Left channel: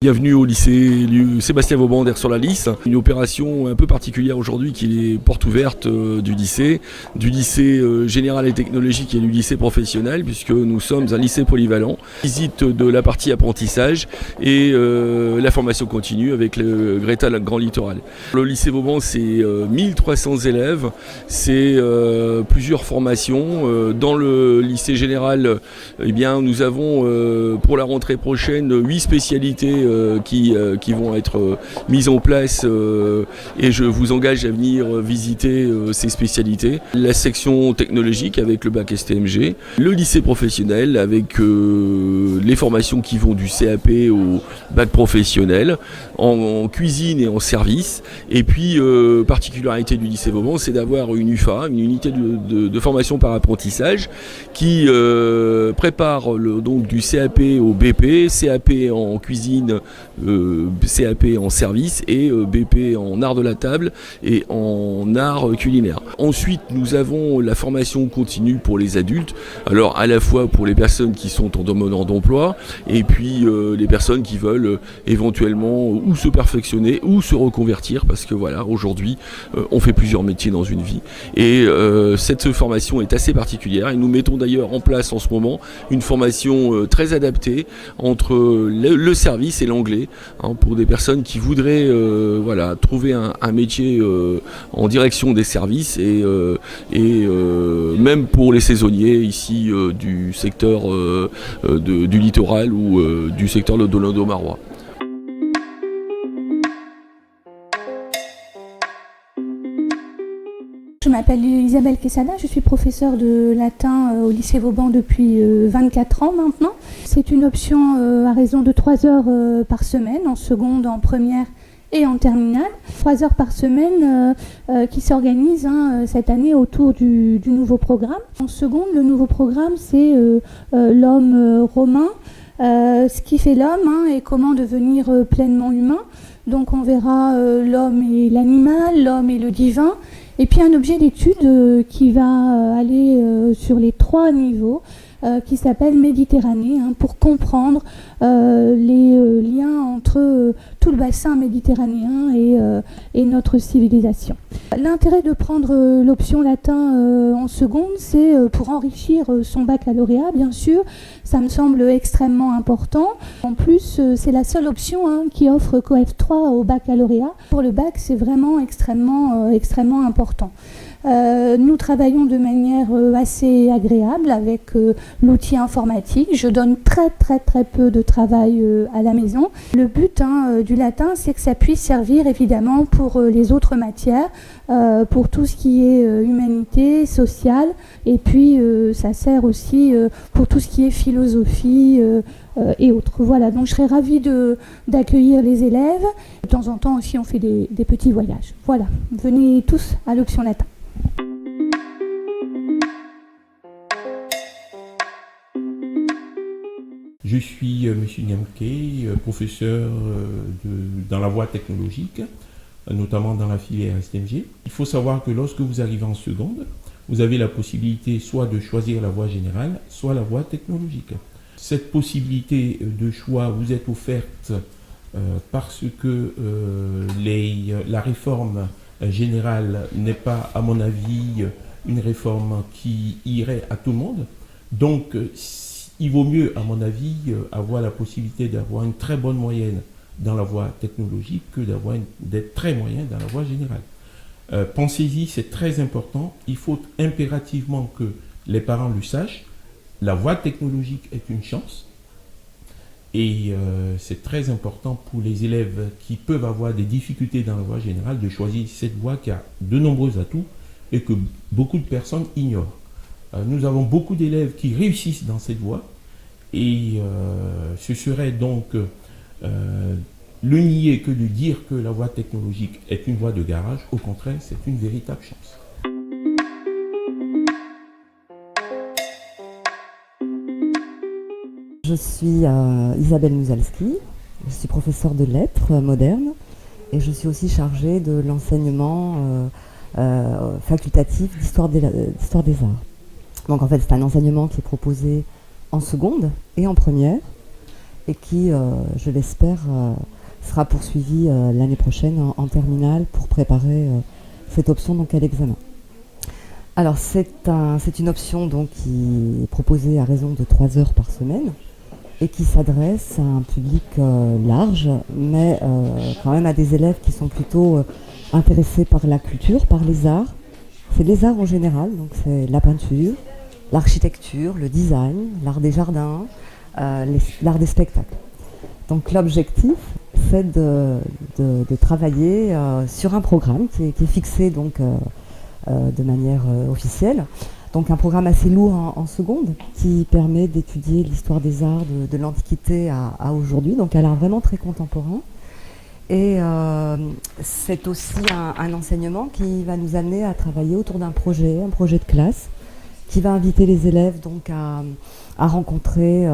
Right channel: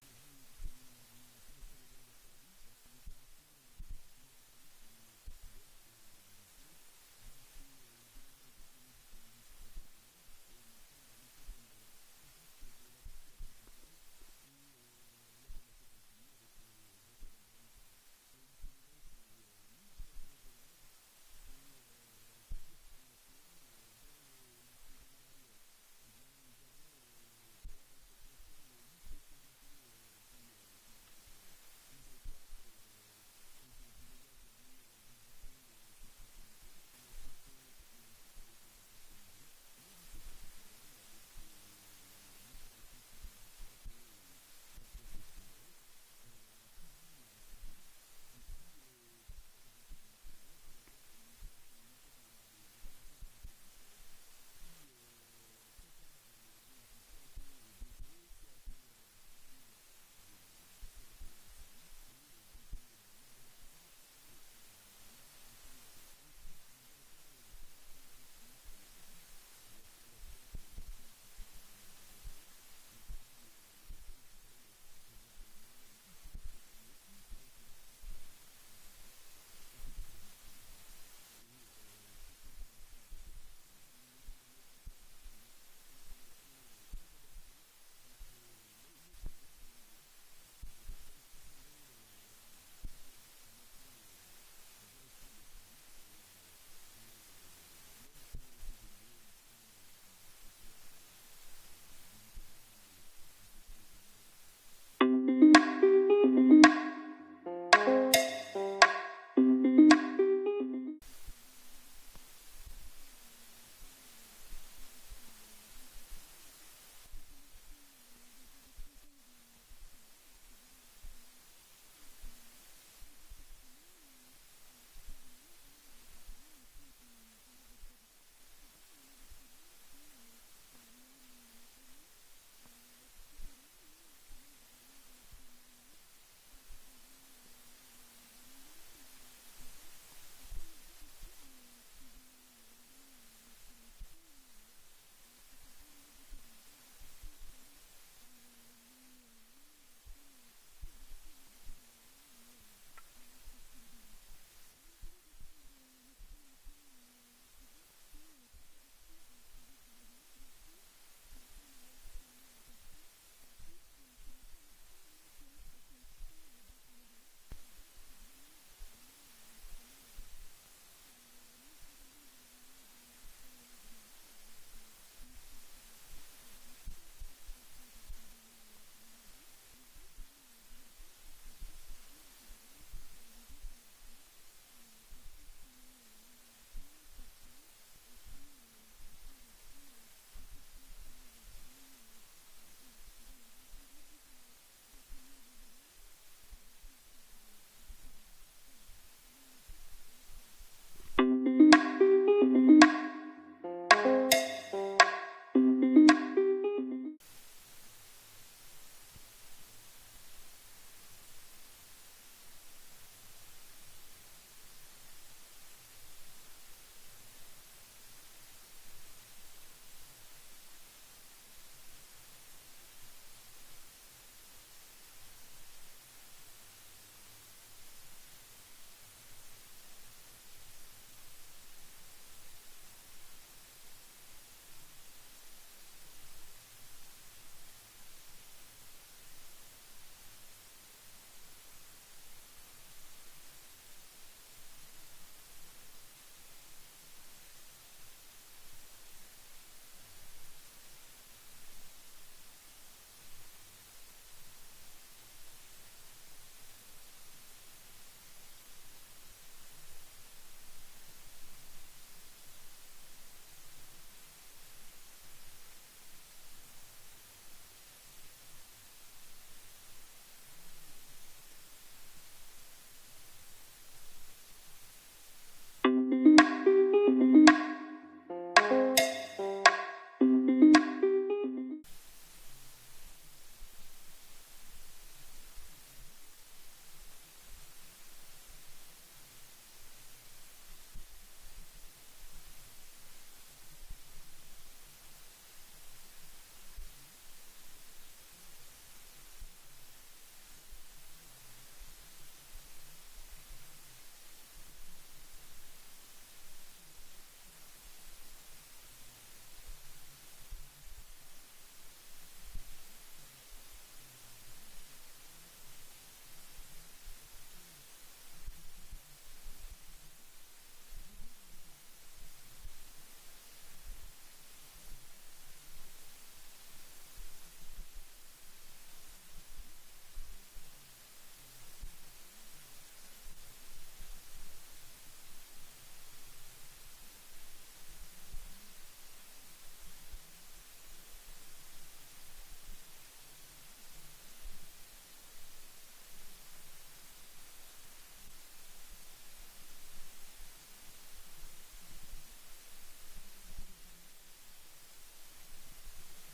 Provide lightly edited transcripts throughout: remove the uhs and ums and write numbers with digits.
Bienvenue au lycée Sébastien Vauban d'Air-sur-la-Lys, une opération un peu particulière aujourd'hui qui est porte ouverte du lycée général et technologique et du lycée professionnel, puisque nous sommes un lycée polyvalent. Visite de la partie apprentissage et la formation continue avec le Greta Grand Littoral. Le lycée Vauban, c'est 1300 élèves, c'est plusieurs formations. Dans le lycée général, eh bien, nous avons pour la rentrée prochaine 8 spécialités qui vont être mises en place et je vous engage à venir visiter ces spécialités. La section technologique avec le bac STMG, le lycée professionnel avec les formations qui vont du CAP au bac professionnel, en cuisine et en service. Et puis, particularité du lycée Vauban, c'est d'avoir une UFA, une unité de formation par apprentissage, qui prépare donc du CAP au BP, CAP en cuisine, CAP en service et BP en art de la table et en art culinaire. Ensuite, nous avons la formation continue pour les adultes, alors à la fois pour les personnes qui sont en demandeur d'emploi et puis les personnes qui veulent éventuellement ou se perfectionner ou se reconvertir, parce que voilà, aujourd'hui on fait plusieurs métiers dans une vie et cette formation est assez particulière et nous mettons d'ailleurs en place en ce moment une formation très adaptée entre le service et l'anglais, hein, pour des personnes qui voudraient voilà, trouver un métier en direction des services et même pour les saisonniers ici du secteur du littoral ou du secteur de l'Odo-Marois. Je m'appelle Isabelle Quesada, je suis professeure de latin au lycée Vauban depuis 24 ans maintenant. C'est une option à raison de 3 heures par semaine, en seconde, en première et en terminale. 3 heures par semaine qui s'organisent cette année autour du nouveau programme. En seconde, le nouveau programme, c'est l'homme romain, ce qui fait l'homme et comment devenir pleinement humain. Donc on verra l'homme et l'animal, l'homme et le divin. Et puis un objet d'étude qui va aller sur les 3 niveaux, qui s'appelle Méditerranée, pour comprendre les liens entre tout le bassin méditerranéen et notre civilisation. L'intérêt de prendre l'option latin en seconde, c'est pour enrichir son baccalauréat, bien sûr. Ça me semble extrêmement important. En plus, c'est la seule option qui offre COEF 3 au baccalauréat. Pour le bac, c'est vraiment extrêmement important. Nous travaillons de manière assez agréable avec l'outil informatique. Je donne très peu de travail à la maison. Le but du latin, c'est que ça puisse servir évidemment pour les autres matières, pour tout ce qui est humanité, sociale, et puis ça sert aussi pour tout ce qui est philosophie et autres. Voilà, donc je serais ravie d'accueillir les élèves. De temps en temps aussi, on fait des petits voyages. Voilà, venez tous à l'option latin. Je suis M. Niamke, professeur dans la voie technologique, notamment dans la filière STMG. Il faut savoir que lorsque vous arrivez en seconde, vous avez la possibilité soit de choisir la voie générale, soit la voie technologique. Cette possibilité de choix vous est offerte parce que la réforme générale n'est pas, à mon avis, une réforme qui irait à tout le monde. Donc, il vaut mieux, à mon avis, avoir la possibilité d'avoir une très bonne moyenne dans la voie technologique que d'être très moyen dans la voie générale. Pensez-y, c'est très important. Il faut impérativement que les parents le sachent. La voie technologique est une chance. Et c'est très important pour les élèves qui peuvent avoir des difficultés dans la voie générale de choisir cette voie qui a de nombreux atouts et que beaucoup de personnes ignorent. Nous avons beaucoup d'élèves qui réussissent dans cette voie et ce serait donc le nier que de dire que la voie technologique est une voie de garage. Au contraire, c'est une véritable chance. Je suis Isabelle Musalski, je suis professeure de lettres modernes et je suis aussi chargée de l'enseignement facultatif d'histoire des arts. Donc en fait c'est un enseignement qui est proposé en seconde et en première et qui, je l'espère, sera poursuivi l'année prochaine en terminale pour préparer cette option donc, à l'examen. Alors c'est une option donc, qui est proposée à raison de 3 heures par semaine et qui s'adresse à un public large, mais quand même à des élèves qui sont plutôt intéressés par la culture, par les arts. C'est les arts en général, donc c'est la peinture, l'architecture, le design, l'art des jardins, l'art des spectacles. Donc l'objectif, c'est de travailler sur un programme qui est fixé donc, de manière officielle. Donc un programme assez lourd en seconde qui permet d'étudier l'histoire des arts de l'Antiquité à aujourd'hui, donc à l'art vraiment très contemporain. Et c'est aussi un enseignement qui va nous amener à travailler autour d'un projet, un projet de classe, qui va inviter les élèves donc à rencontrer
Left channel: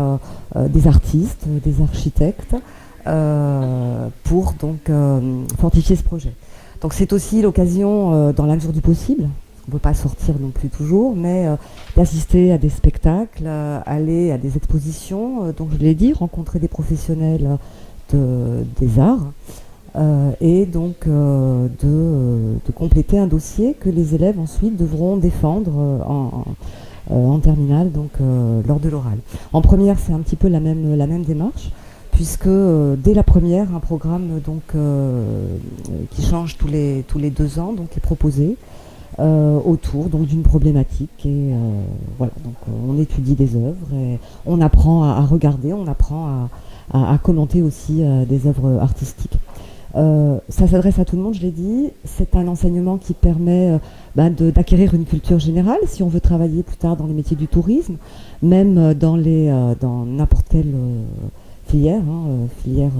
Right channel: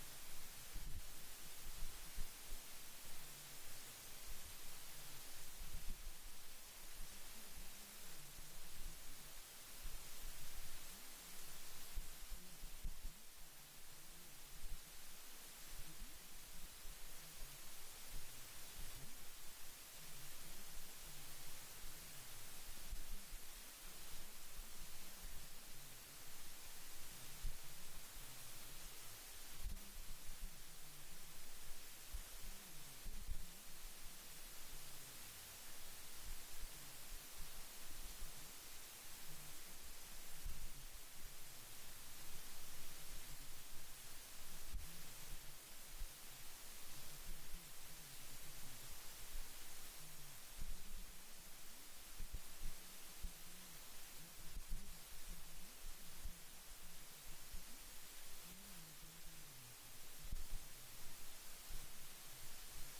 des artistes, des architectes, pour donc fortifier ce projet. Donc c'est aussi l'occasion, dans la mesure du possible, on ne peut pas sortir non plus toujours, mais d'assister à des spectacles, aller à des expositions, donc je l'ai dit, rencontrer des professionnels des arts, et donc de compléter un dossier que les élèves ensuite devront défendre en terminale, donc lors de l'oral. En première, c'est un petit peu la même démarche, puisque dès la première, un programme donc, qui change tous les 2 ans donc, est proposé autour donc, d'une problématique. Et voilà, donc on étudie des œuvres, et on apprend à regarder, on apprend à commenter aussi des œuvres artistiques. Ça s'adresse à tout le monde, je l'ai dit. C'est un enseignement qui permet d'acquérir une culture générale si on veut travailler plus tard dans les métiers du tourisme, même dans n'importe quelle filière, filière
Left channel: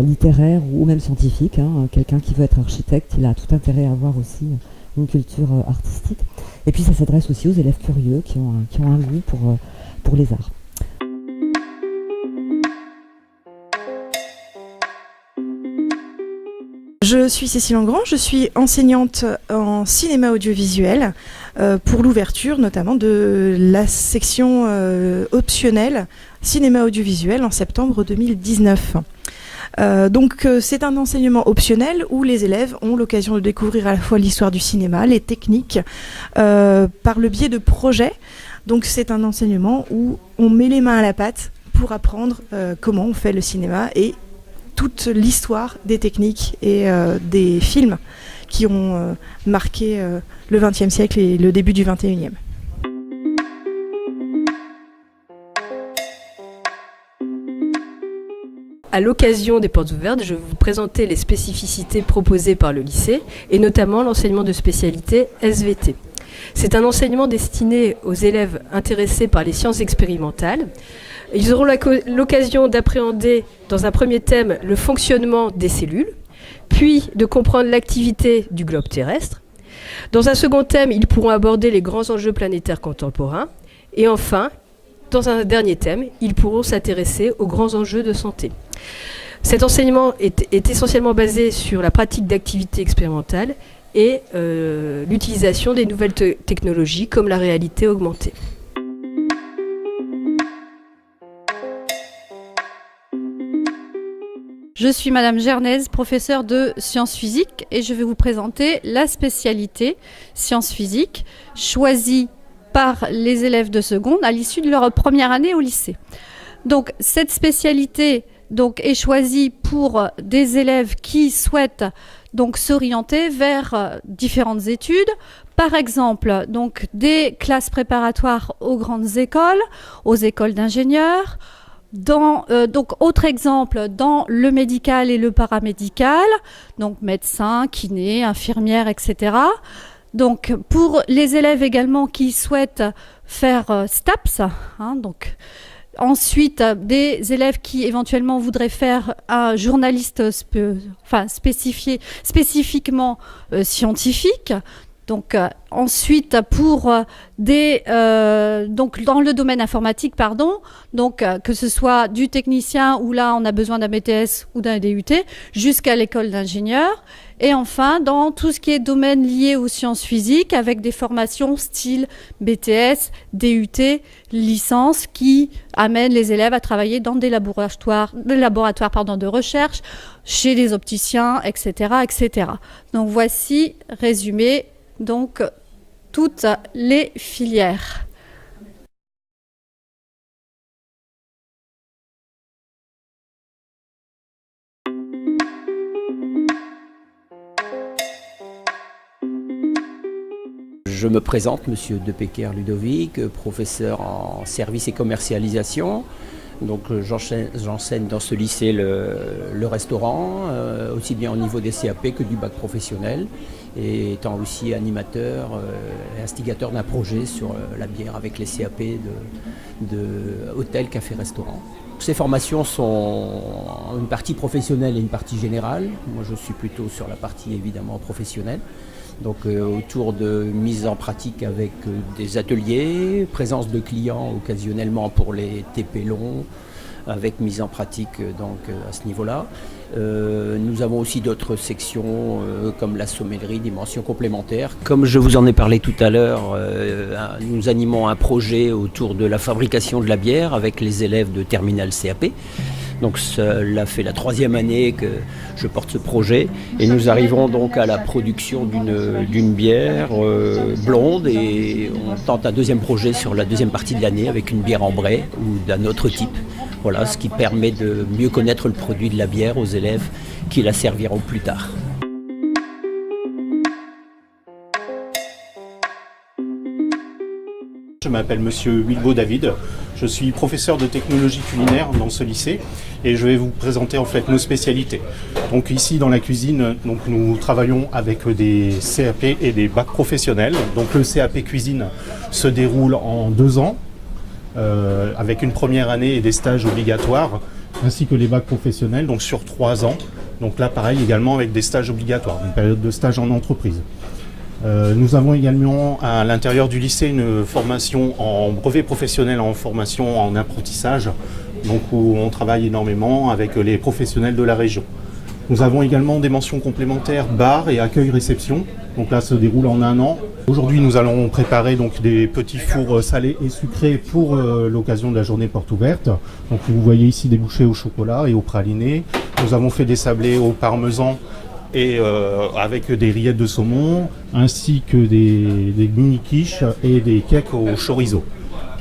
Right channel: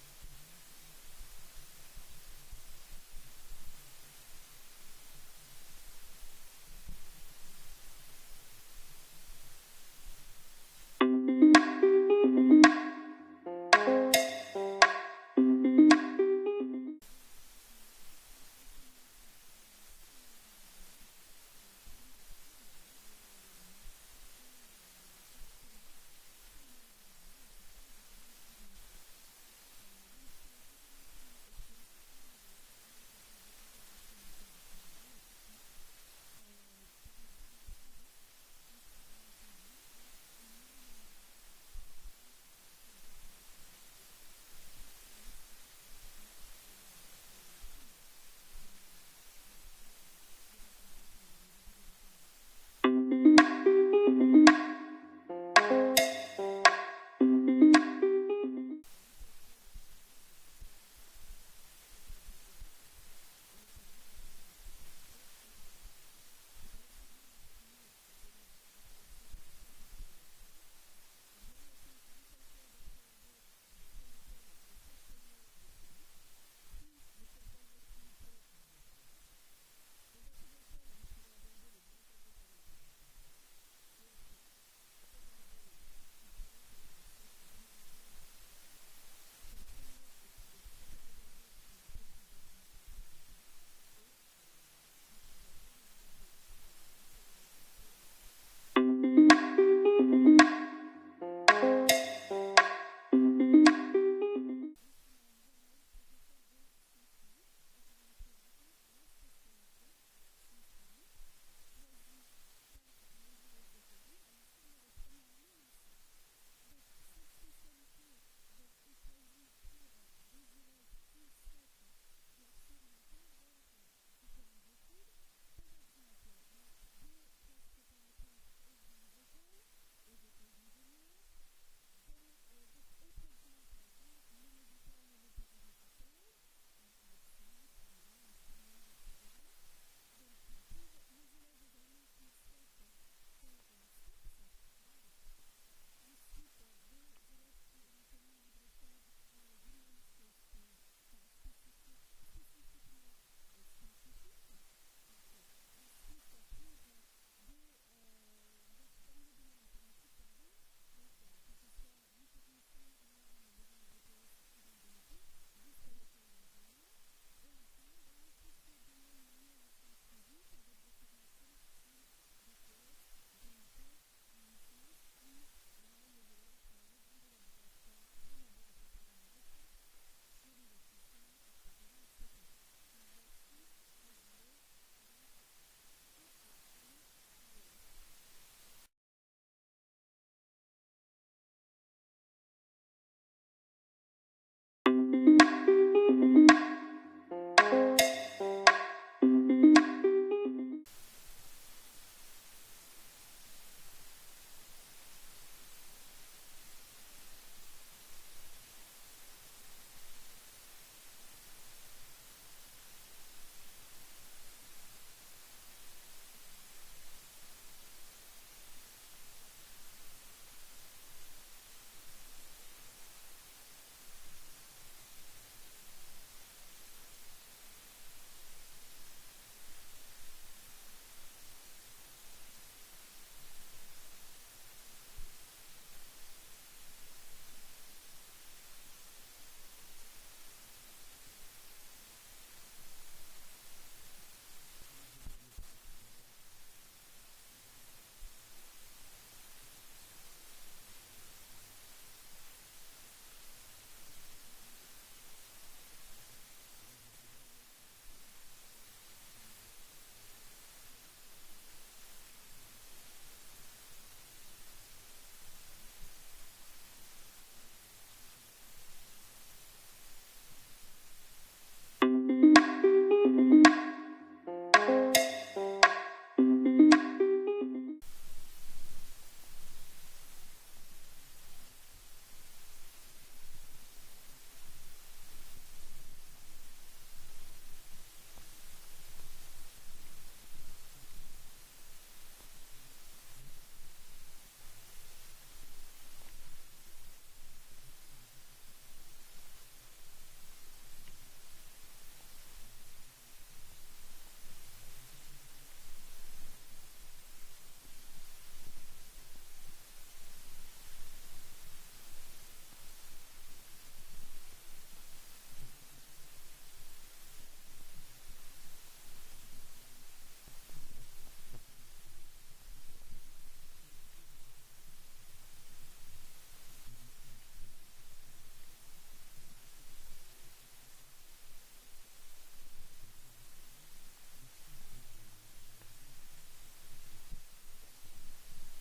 littéraire ou même scientifique. Quelqu'un qui veut être architecte, il a tout intérêt à avoir aussi une culture artistique. Et puis ça s'adresse aussi aux élèves curieux qui ont un goût pour les arts. Je suis Cécile Engrand, je suis enseignante en cinéma audiovisuel pour l'ouverture notamment de la section optionnelle cinéma audiovisuel en septembre 2019. Donc c'est un enseignement optionnel où les élèves ont l'occasion de découvrir à la fois l'histoire du cinéma, les techniques, par le biais de projets. Donc c'est un enseignement où on met les mains à la pâte pour apprendre comment on fait le cinéma et toute l'histoire des techniques et des films qui ont marqué le XXe siècle et le début du XXIe. À l'occasion des portes ouvertes, je vais vous présenter les spécificités proposées par le lycée et notamment l'enseignement de spécialité SVT. C'est un enseignement destiné aux élèves intéressés par les sciences expérimentales. Ils auront l'occasion d'appréhender dans un premier thème le fonctionnement des cellules, puis de comprendre l'activité du globe terrestre. Dans un second thème, ils pourront aborder les grands enjeux planétaires contemporains. Et enfin, dans un dernier thème, ils pourront s'intéresser aux grands enjeux de santé. Cet enseignement est essentiellement basé sur la pratique d'activités expérimentales et l'utilisation des nouvelles technologies comme la réalité augmentée. Je suis Madame Gernaise, professeure de sciences physiques, et je vais vous présenter la spécialité sciences physiques choisie par les élèves de seconde à l'issue de leur première année au lycée. Donc cette spécialité est choisie pour des élèves qui souhaitent donc s'orienter vers différentes études. Par exemple, donc des classes préparatoires aux grandes écoles, aux écoles d'ingénieurs. Donc autre exemple, dans le médical et le paramédical, donc médecin, kiné, infirmière, etc. Donc pour les élèves également qui souhaitent faire STAPS, donc ensuite des élèves qui éventuellement voudraient faire un journaliste spécifiquement scientifique. Donc ensuite pour donc dans le domaine informatique, donc que ce soit du technicien où là on a besoin d'un BTS ou d'un DUT jusqu'à l'école d'ingénieur. Et enfin, dans tout ce qui est domaine lié aux sciences physiques, avec des formations style BTS, DUT, licence, qui amènent les élèves à travailler dans des laboratoires de recherche, chez les opticiens, etc., etc. Donc voici résumé donc toutes les filières. Je me présente, Monsieur Depecker Ludovic, professeur en services et commercialisation. Donc j'enseigne dans ce lycée le restaurant, aussi bien au niveau des CAP que du bac professionnel, et étant aussi animateur et instigateur d'un projet sur la bière avec les CAP de hôtel, café, restaurant. Ces formations sont une partie professionnelle et une partie générale. Moi je suis plutôt sur la partie évidemment professionnelle. Donc autour de mise en pratique avec des ateliers, présence de clients occasionnellement pour les TP longs, avec mise en pratique donc à ce niveau-là. Nous avons aussi d'autres sections comme la sommellerie, des mentions complémentaires. Comme je vous en ai parlé tout à l'heure, nous animons un projet autour de la fabrication de la bière avec les élèves de terminale CAP. Donc cela fait la 3e année que je porte ce projet et nous arrivons donc à la production d'une bière blonde et on tente un 2e projet sur la 2e partie de l'année avec une bière ambrée ou d'un autre type. Voilà, ce qui permet de mieux connaître le produit de la bière aux élèves qui la serviront plus tard. Je m'appelle Monsieur Wilbo David, je suis professeur de technologie culinaire dans ce lycée et je vais vous présenter en fait nos spécialités. Donc ici dans la cuisine, donc, nous travaillons avec des CAP et des bacs professionnels. Donc le CAP cuisine se déroule en 2 ans avec une première année et des stages obligatoires ainsi que les bacs professionnels donc sur 3 ans. Donc là pareil également avec des stages obligatoires, une période de stage en entreprise. Nous avons également à l'intérieur du lycée une formation en brevet professionnel, en formation en apprentissage, donc où on travaille énormément avec les professionnels de la région. Nous avons également des mentions complémentaires bar et accueil-réception, donc là ça se déroule en 1 an. Aujourd'hui nous allons préparer donc des petits fours salés et sucrés pour l'occasion de la journée porte ouverte. Donc vous voyez ici des bouchées au chocolat et au praliné. Nous avons fait des sablés au parmesan et avec des rillettes de saumon, ainsi que des mini-quiches et des cakes au chorizo.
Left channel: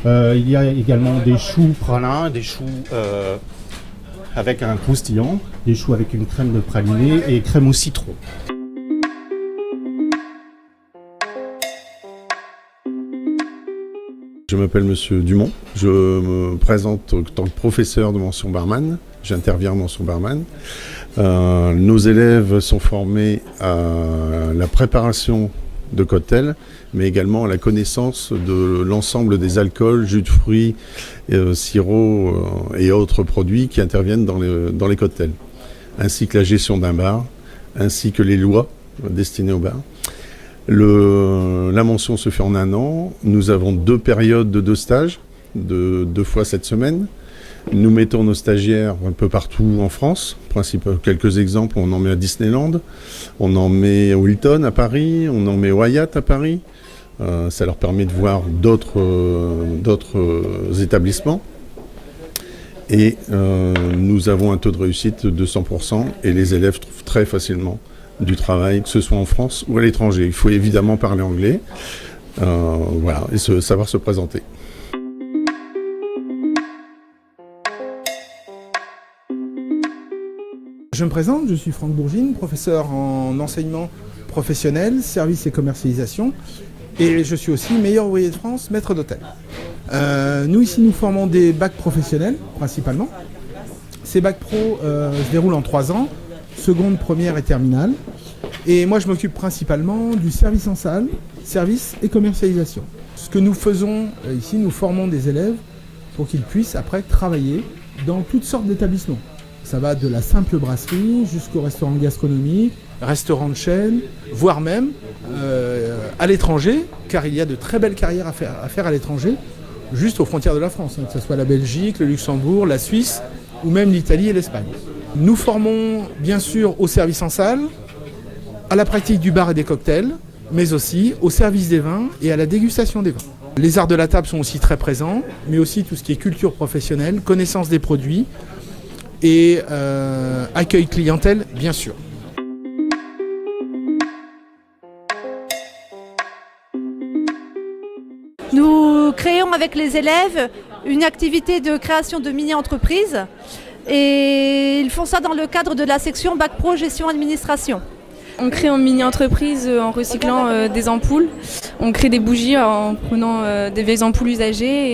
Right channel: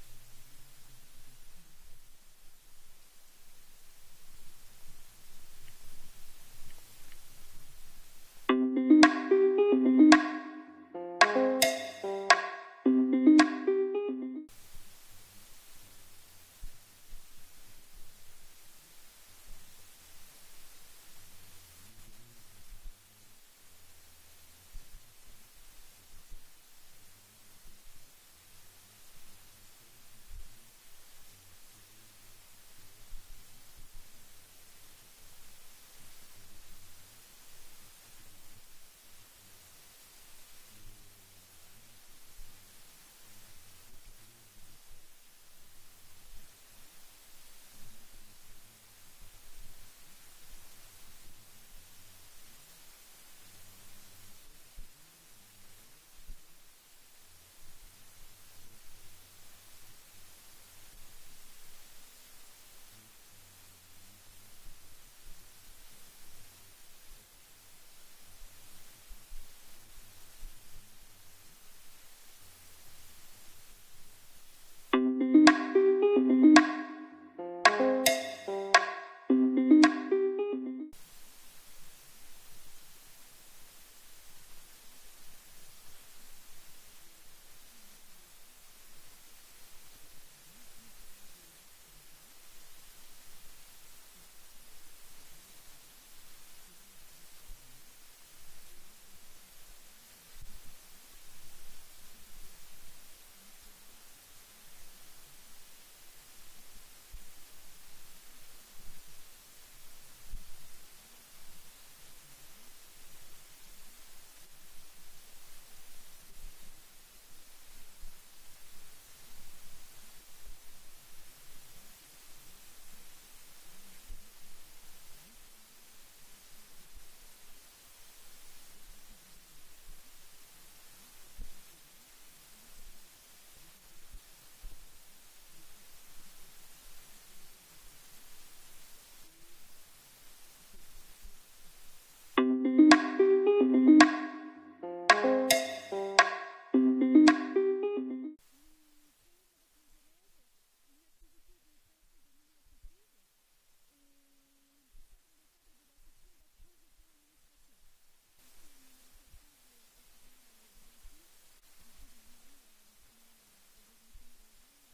Il y a également des choux pralins, des choux avec un croustillant, des choux avec une crème de praliné et crème au citron. Je m'appelle Monsieur Dumont, je me présente en tant que professeur de mention barman, j'interviens en mention barman. Nos élèves sont formés à la préparation de cocktails, mais également à la connaissance de l'ensemble des alcools, jus de fruits, sirops et autres produits qui interviennent dans les cocktails, ainsi que la gestion d'un bar, ainsi que les lois destinées au bar. La mention se fait en 1 an. Nous avons 2 périodes de 2 stages, de 2 fois 7 semaines. Nous mettons nos stagiaires un peu partout en France. Quelques exemples, on en met à Disneyland, on en met au Hilton à Paris, on en met au Hyatt à Paris. Ça leur permet de voir d'autres établissements. Et nous avons un taux de réussite de 100% et les élèves trouvent très facilement du travail, que ce soit en France ou à l'étranger. Il faut évidemment parler anglais voilà, et savoir se présenter. Je me présente, je suis Franck Bourgine, professeur en enseignement professionnel, services et commercialisation, et je suis aussi meilleur ouvrier de France, maître d'hôtel. Nous ici, nous formons des bacs professionnels, principalement. Ces bacs pro se déroulent en 3 ans, seconde, première et terminale. Et moi, je m'occupe principalement du service en salle, services et commercialisation. Ce que nous faisons ici, nous formons des élèves pour qu'ils puissent après travailler dans toutes sortes d'établissements. Ça va de la simple brasserie jusqu'au restaurant gastronomique, restaurant de chaîne, voire même à l'étranger, car il y a de très belles carrières à faire à l'étranger, juste aux frontières de la France, que ce soit la Belgique, le Luxembourg, la Suisse ou même l'Italie et l'Espagne. Nous formons bien sûr au service en salle, à la pratique du bar et des cocktails, mais aussi au service des vins et à la dégustation des vins. Les arts de la table sont aussi très présents, mais aussi tout ce qui est culture professionnelle, connaissance des produits et accueil clientèle, bien sûr. Nous créons avec les élèves une activité de création de mini-entreprises et ils font ça dans le cadre de la section Bac Pro Gestion Administration. On crée une mini-entreprise en recyclant des ampoules. On crée des bougies en prenant des vieilles ampoules usagées.